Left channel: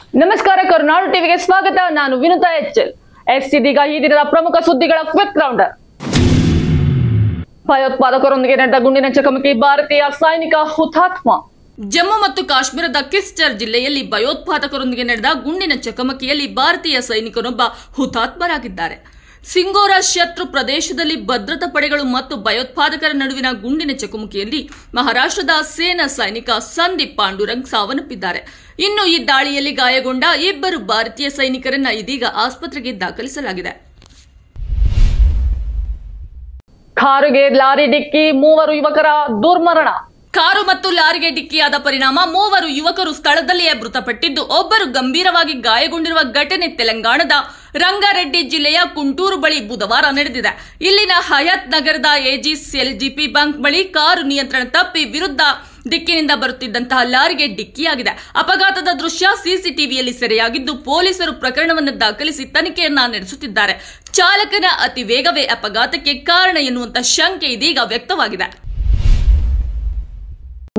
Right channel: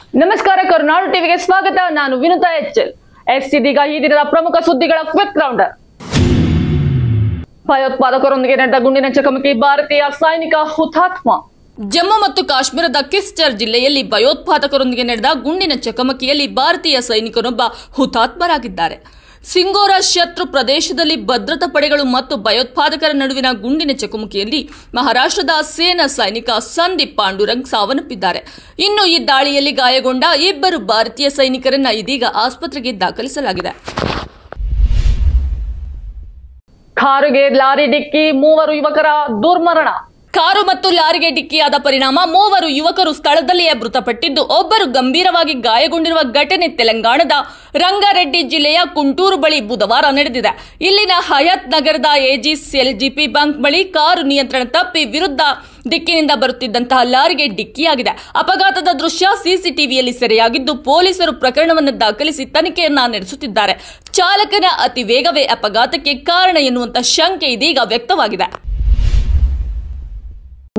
ನಮಸ್ಕಾರ, ಕರುನಾಡು ಟಿವಿಗೆ ಸ್ವಾಗತ. ನಾನು ವಿನುತಾ ಎಚ್ಎಲ್. ಇದೀಗ ಈ ದಿನದ ಪ್ರಮುಖ ಸುದ್ದಿಗಳ ಕ್ವಿಕ್ ರೌಂಡರ್. ಭಯೋತ್ಪಾದಕರೊಂದಿಗೆ ನಡೆದ ಗುಂಡಿನ ಚಕಮಕಿ, ಭಾರತೀಯ ಸೈನಿಕ ಹುತಾತ್ಮ. ಜಮ್ಮು ಮತ್ತು ಕಾಶ್ಮೀರದ ಕಿಸ್ಟರ್ ಜಿಲ್ಲೆಯಲ್ಲಿ ಭಯೋತ್ಪಾದಕರೊಂದಿಗೆ ನಡೆದ ಗುಂಡಿನ ಚಕಮಕಿಯಲ್ಲಿ ಭಾರತೀಯ ಸೈನಿಕನೊಬ್ಬ ಹುತಾತ್ಮರಾಗಿದ್ದಾರೆ. ಸಿಂಗೋರ ಶತ್ರು ಪ್ರದೇಶದಲ್ಲಿ ಭದ್ರತಾ ಪಡೆಗಳು ಮತ್ತು ಭಯೋತ್ಪಾದಕರ ನಡುವಿನ ಗುಂಡಿನ ಚಕಮಕಿಯಲ್ಲಿ ಮಹಾರಾಷ್ಟ್ರದ ಸೇನಾ ಸೈನಿಕ ಸಂದೀಪ್ ಪಾಂಡುರಂಗ್ ಸಾವನ್ನಪ್ಪಿದ್ದಾರೆ. ಇನ್ನು ಈ ದಾಳಿಯಲ್ಲಿ ಗಾಯಗೊಂಡ ಇಬ್ಬರು ಭಾರತೀಯ ಸೈನಿಕರನ್ನ ಇದೀಗ ಆಸ್ಪತ್ರೆಗೆ ದಾಖಲಿಸಲಾಗಿದೆ. ಕಾರಿಗೆ ಲಾರಿ ಡಿಕ್ಕಿ, 3 ಯುವಕರ ದುರ್ಮರಣ. ಕಾರು ಮತ್ತು ಲಾರಿಗೆ ಡಿಕ್ಕಿಯಾದ ಪರಿಣಾಮ 3 ಯುವಕರು ಸ್ಥಳದಲ್ಲಿಯೇ ಮೃತಪಟ್ಟಿದ್ದು, ಒಬ್ಬರು ಗಂಭೀರವಾಗಿ ಗಾಯಗೊಂಡಿರುವ ಘಟನೆ ತೆಲಂಗಾಣದ ರಂಗಾರೆಡ್ಡಿ ಜಿಲ್ಲೆಯ ಕುಂಟೂರು ಬಳಿ ಬುಧವಾರ ನಡೆದಿದೆ. ಇಲ್ಲಿನ ಹಯತ್ ನಗರದ ಎಜಿಎಸ್ಎಲ್ಜಿಪಿ ಬ್ಯಾಂಕ್ ಬಳಿ ಕಾರು ನಿಯಂತ್ರಣ ತಪ್ಪಿ ವಿರುದ್ಧ ದಿಕ್ಕಿನಿಂದ ಬರುತ್ತಿದ್ದಂತಹ ಲಾರಿಗೆ ಡಿಕ್ಕಿಯಾಗಿದೆ. ಅಪಘಾತದ ದೃಶ್ಯ ಸಿಸಿಟಿವಿಯಲ್ಲಿ ಸೆರೆಯಾಗಿದ್ದು, ಪೊಲೀಸರು ಪ್ರಕರಣವನ್ನು ದಾಖಲಿಸಿ ತನಿಖೆಯನ್ನ ನಡೆಸುತ್ತಿದ್ದಾರೆ. ಚಾಲಕನ ಅತಿ ವೇಗವೇ ಅಪಘಾತಕ್ಕೆ ಕಾರಣ ಎನ್ನುವಂತ ಶಂಕೆ ಇದೀಗ ವ್ಯಕ್ತವಾಗಿದೆ.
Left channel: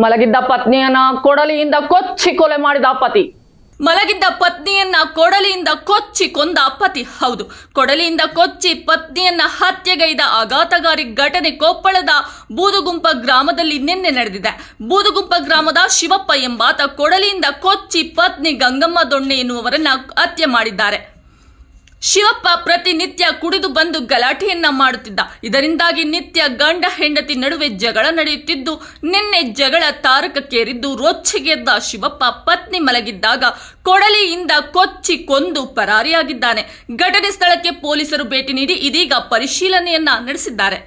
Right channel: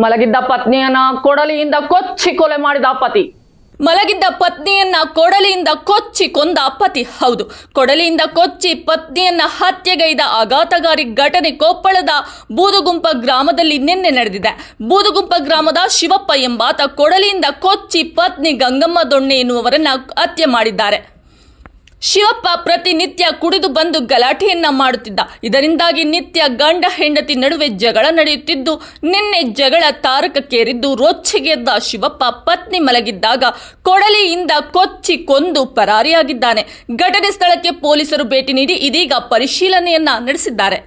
ಮಲಗಿದ್ದ ಪತ್ನಿಯನ್ನ ಕೊಡಲಿಯಿಂದ ಕೊಚ್ಚಿ ಕೊಲೆ ಮಾಡಿದ ಪತಿ. ಮಲಗಿದ್ದ ಪತ್ನಿಯನ್ನ ಕೊಡಲಿಯಿಂದ ಕೊಚ್ಚಿ ಕೊಂದ ಪತಿ. ಹೌದು, ಕೊಡಲಿಯಿಂದ ಕೊಚ್ಚಿ ಪತ್ನಿಯನ್ನ ಹತ್ಯೆಗೈದ ಆಘಾತಕಾರಿ ಘಟನೆ ಕೊಪ್ಪಳದ ಬೂದುಗುಂಪ ಗ್ರಾಮದಲ್ಲಿ ನಿನ್ನೆ ನಡೆದಿದೆ. ಬೂದುಗುಂಪ ಗ್ರಾಮದ ಶಿವಪ್ಪ ಎಂಬಾತ ಕೊಡಲಿಯಿಂದ ಕೊಚ್ಚಿ ಪತ್ನಿ ಗಂಗಮ್ಮ ದೊಣ್ಣೆ ಎನ್ನುವರನ್ನ ಹತ್ಯೆ ಮಾಡಿದ್ದಾರೆ. ಶಿವಪ್ಪ ಪ್ರತಿನಿತ್ಯ ಕುಡಿದು ಬಂದು ಗಲಾಟೆಯನ್ನ ಮಾಡುತ್ತಿದ್ದ. ಇದರಿಂದಾಗಿ ನಿತ್ಯ ಗಂಡ ಹೆಂಡತಿ ನಡುವೆ ಜಗಳ ನಡೆಯುತ್ತಿದ್ದು, ನಿನ್ನೆ ಜಗಳ ತಾರಕಕ್ಕೇರಿದ್ದು ರೊಚ್ಚಿಗೆದ್ದ ಶಿವಪ್ಪ ಪತ್ನಿ ಮಲಗಿದ್ದಾಗ ಕೊಡಲಿಯಿಂದ ಕೊಚ್ಚಿ ಕೊಂದು ಪರಾರಿಯಾಗಿದ್ದಾನೆ. ಘಟನೆ ಸ್ಥಳಕ್ಕೆ ಪೊಲೀಸರು ಭೇಟಿ ನೀಡಿ ಇದೀಗ ಪರಿಶೀಲನೆಯನ್ನ ನಡೆಸಿದ್ದಾರೆ.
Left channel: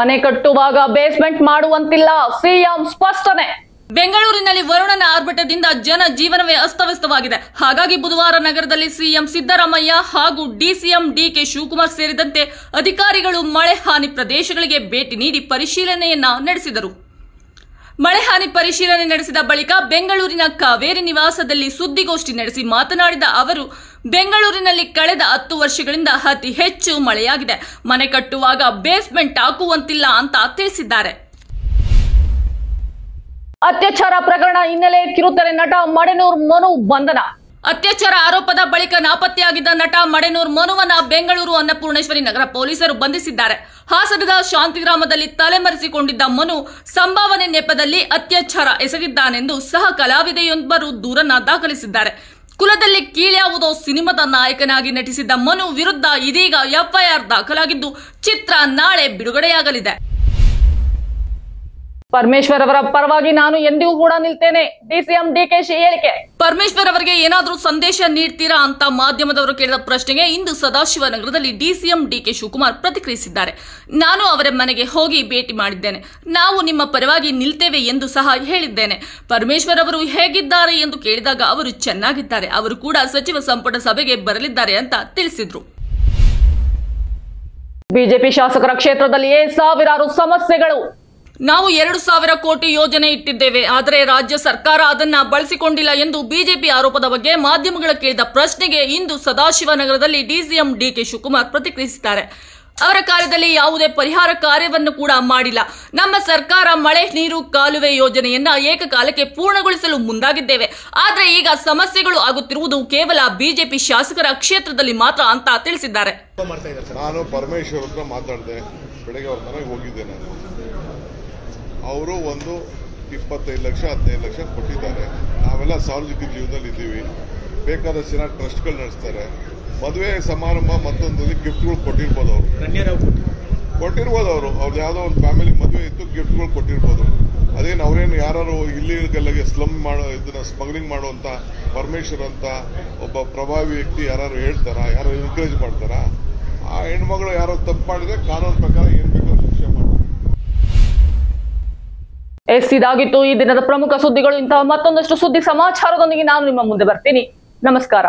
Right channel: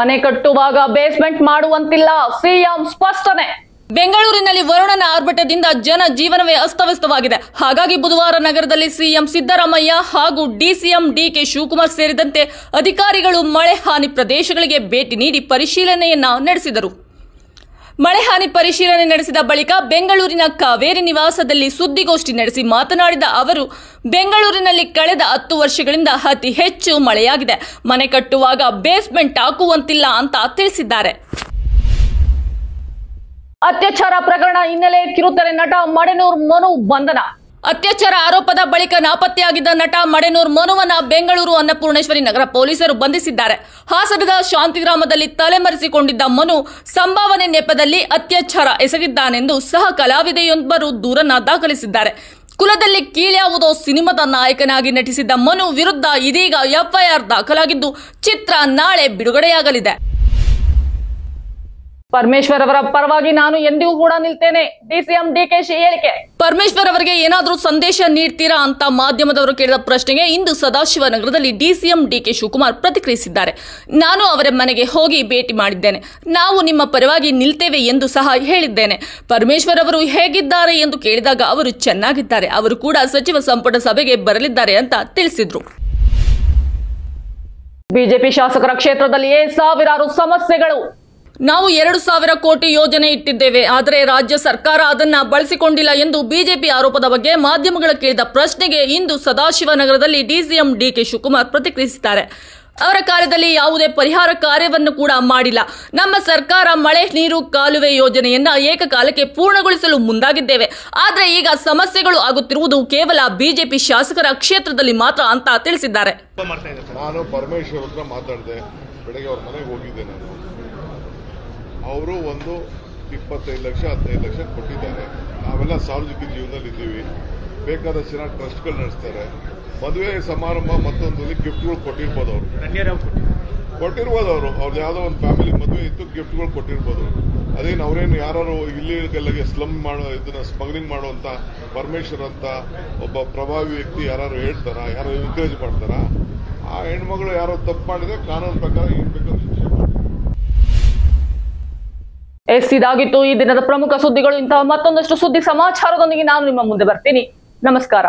ಮನೆ ಕಟ್ಟುವಾಗ ಬೇಸ್ಮೆಂಟ್ ಮಾಡುವಂತಿಲ್ಲ, ಸಿಎಂ ಸ್ಪಷ್ಟನೆ. ಬೆಂಗಳೂರಿನಲ್ಲಿ ವರುಣನ ಆರ್ಭಟದಿಂದ ಜನ ಜೀವನವೇ ಅಸ್ತವ್ಯಸ್ತವಾಗಿದೆ. ಹಾಗಾಗಿ ಬುಧವಾರ ನಗರದಲ್ಲಿ ಸಿಎಂ ಸಿದ್ದರಾಮಯ್ಯ ಹಾಗೂ ಡಿಸಿಎಂ ಡಿಕೆ ಶಿವಕುಮಾರ್ ಸೇರಿದಂತೆ ಅಧಿಕಾರಿಗಳು ಮಳೆ ಹಾನಿ ಪ್ರದೇಶಗಳಿಗೆ ಭೇಟಿ ನೀಡಿ ಪರಿಶೀಲನೆಯನ್ನ ನಡೆಸಿದರು. ಮಳೆ ಹಾನಿ ಪರಿಶೀಲನೆ ನಡೆಸಿದ ಬಳಿಕ ಬೆಂಗಳೂರಿನ ಕಾವೇರಿ ನಿವಾಸದಲ್ಲಿ ಸುದ್ದಿಗೋಷ್ಠಿ ನಡೆಸಿ ಮಾತನಾಡಿದ ಅವರು, ಬೆಂಗಳೂರಿನಲ್ಲಿ ಕಳೆದ 10 ವರ್ಷಗಳಿಂದ ಅತಿ ಹೆಚ್ಚು ಮಳೆಯಾಗಿದೆ. ಮನೆ ಕಟ್ಟುವಾಗ ಬೇಸ್ಮೆಂಟ್ ಹಾಕುವಂತಿಲ್ಲ ಅಂತ ತಿಳಿಸಿದ್ದಾರೆ. ಅತ್ಯಾಚಾರ ಪ್ರಕರಣ ಹಿನ್ನೆಲೆ ಕಿರುತೆರೆ ನಟ ಮಡೆನೂರ್ ಮನು ಬಂಧನ. ಅತ್ಯಾಚಾರ ಆರೋಪದ ಬಳಿಕ ನಾಪತ್ತೆಯಾಗಿದ್ದ ನಟ ಮಡೆನೂರ್ ಮನುವನ್ನ ಬೆಂಗಳೂರು ಅನ್ನಪೂರ್ಣೇಶ್ವರಿ ನಗರ ಪೊಲೀಸರು ಬಂಧಿಸಿದ್ದಾರೆ. ಹಾಸನದ ಶಾಂತಿಗ್ರಾಮದಲ್ಲಿ ತಲೆಮರೆಸಿಕೊಂಡಿದ್ದ ಮನು ಸಂಭಾವನೆ ನೆಪದಲ್ಲಿ ಅತ್ಯಾಚಾರ ಎಸಗಿದ್ದಾನೆಂದು ಸಹ ಕಲಾವಿದೆಯೊಬ್ಬರು ದೂರನ್ನ ದಾಖಲಿಸಿದ್ದಾರೆ. ಕುಲದಲ್ಲಿ ಕೀಳ್ಯಾವುದೋ ಸಿನಿಮಾದ ನಾಯಕನಾಗಿ ನಟಿಸಿದ್ದ ಮನು ವಿರುದ್ಧ ಇದೀಗ ಎಫ್ಐಆರ್ ದಾಖಲಾಗಿದ್ದು, ಚಿತ್ರ ನಾಳೆ ಬಿಡುಗಡೆಯಾಗಲಿದೆ. ಪರಮೇಶ್ವರ್ ಅವರ ಪರವಾಗಿ ನಾನು ಎಂದಿಗೂ ಕೂಡ ನಿಲ್ತೇನೆ, ಡಿಸಿಎಂ ಡಿಕೆಶಿ ಹೇಳಿಕೆ. ಪರಮೇಶ್ವರ್ ಅವರಿಗೆ ಏನಾದರೂ ಸಂದೇಶ ನೀಡ್ತೀರಾ ಅಂತ ಮಾಧ್ಯಮದವರು ಕೇಳಿದ ಪ್ರಶ್ನೆಗೆ ಇಂದು ಸದಾಶಿವನಗರದಲ್ಲಿ ಡಿಸಿಎಂ ಡಿಕೆ ಶಿವಕುಮಾರ್ ಪ್ರತಿಕ್ರಿಯಿಸಿದ್ದಾರೆ. ನಾನು ಅವರ ಮನೆಗೆ ಹೋಗಿ ಭೇಟಿ ಮಾಡಿದ್ದೇನೆ. ನಾವು ನಿಮ್ಮ ಪರವಾಗಿ ನಿಲ್ತೇವೆ ಎಂದು ಸಹ ಹೇಳಿದ್ದೇನೆ. ಪರಮೇಶ್ವರ್ ಅವರು ಹೇಗಿದ್ದಾರೆ ಎಂದು ಕೇಳಿದಾಗ ಅವರು ಚೆನ್ನಾಗಿದ್ದಾರೆ, ಅವರು ಕೂಡ ಸಚಿವ ಸಂಪುಟ ಸಭೆಗೆ ಬರಲಿದ್ದಾರೆ ಅಂತ ತಿಳಿಸಿದ್ರು. ಬಿಜೆಪಿ ಶಾಸಕರ ಕ್ಷೇತ್ರದಲ್ಲಿಯೇ ಸಾವಿರಾರು ಸಮಸ್ಯೆಗಳು. ನಾವು 2,000 ಕೋಟಿ ಯೋಜನೆ ಇಟ್ಟಿದ್ದೇವೆ, ಆದರೆ ರಾಜ್ಯ ಸರ್ಕಾರ ಅದನ್ನ ಬಳಸಿಕೊಂಡಿಲ್ಲ ಎಂದು ಬಿಜೆಪಿ ಆರೋಪದ ಬಗ್ಗೆ ಮಾಧ್ಯಮಗಳ ಕೇಳಿದ ಪ್ರಶ್ನೆಗೆ ಇಂದು ಸದಾಶಿವನಗರದಲ್ಲಿ ಡಿಸಿಎಂ ಡಿಕೆ ಶಿವಕುಮಾರ್ ಪ್ರತಿಕ್ರಿಯಿಸಿದ್ದಾರೆ. ಅವರ ಕಾಲದಲ್ಲಿ ಯಾವುದೇ ಪರಿಹಾರ ಕಾರ್ಯವನ್ನು ಕೂಡ ಮಾಡಿಲ್ಲ. ನಮ್ಮ ಸರ್ಕಾರ ಮಳೆ ನೀರು ಕಾಲುವೆ ಯೋಜನೆಯನ್ನ ಏಕಕಾಲಕ್ಕೆ ಪೂರ್ಣಗೊಳಿಸಲು ಮುಂದಾಗಿದ್ದೇವೆ. ಆದರೆ ಈಗ ಸಮಸ್ಯೆಗಳು ಆಗುತ್ತಿರುವುದು ಕೇವಲ ಬಿಜೆಪಿ ಶಾಸಕರ ಕ್ಷೇತ್ರದಲ್ಲಿ ಮಾತ್ರ ಅಂತ ತಿಳಿಸಿದ್ದಾರೆ. ನಾನು ಪರಮೇಶ್ವರ್ ಹತ್ರ ಮಾತಾಡಿದೆ, ಬೆಳಗ್ಗೆ ಅವ್ರ ಮನೆಗೆ ಹೋಗಿದ್ದೆ. ನಾನು ಅವರು ಒಂದು 25 ಲಕ್ಷ 15 ಲಕ್ಷ ಕೊಟ್ಟಿದ್ದಾರೆ. ನಾವೆಲ್ಲ ಸಾರ್ವಜನಿಕ ಜೀವನದಲ್ಲಿ ಇದ್ದೀವಿ, ಬೇಕಾದಷ್ಟು ಜನ ಟ್ರಸ್ಟ್ಗಳು ನಡೆಸ್ತಾರೆ. ಮದುವೆ ಸಮಾರಂಭ ಮತ್ತೊಂದಲ್ಲಿ ಗಿಫ್ಟ್ಗಳು ಕೊಟ್ಟಿರ್ಬೋದು, ಅವ್ರದ್ದು ಯಾವುದೋ ಒಂದು ಫ್ಯಾಮಿಲಿ ಮದುವೆ ಇತ್ತು, ಗಿಫ್ಟ್ಗಳು ಕೊಟ್ಟಿರ್ಬೋದು. ಅದೇನು ಅವರೇನು ಯಾರು ಇಲ್ಲಿಗೆಲ್ಲ ಸ್ಲಮ್ ಮಾಡೋ ಇದನ್ನ ಸ್ಮಗ್ಲಿಂಗ್ ಮಾಡುವಂತ ಪರಮೇಶ್ವರ್ ಅಂತ ಒಬ್ಬ ಪ್ರಭಾವಿ ವ್ಯಕ್ತಿ ಯಾರು ಹೇಳ್ತಾರ, ಯಾರು ಎನ್ಕರೇಜ್ ಮಾಡ್ತಾರ? ಆ ಹೆಣ್ಮಗಳು ಯಾರೋ ತಪ್ಪು ಮಾಡಿದ್ರೆ ಕಾನೂನು ಪ್ರಕಾರ ಏನ್ ಬೇಕಾದ್ರೂ ಶಿಕ್ಷೆ ಮಾಡ್ತಾರೆ. ಇದಾಗಿತ್ತು ಈ ದಿನದ ಪ್ರಮುಖ ಸುದ್ದಿಗಳು. ಇಂತಹ ಮತ್ತೊಂದಷ್ಟು ಸುದ್ದಿ ಸಮಾಚಾರದೊಂದಿಗೆ ನಾನು ನಿಮ್ಮ ಮುಂದೆ ಬರ್ತೀನಿ. ನಮಸ್ಕಾರ.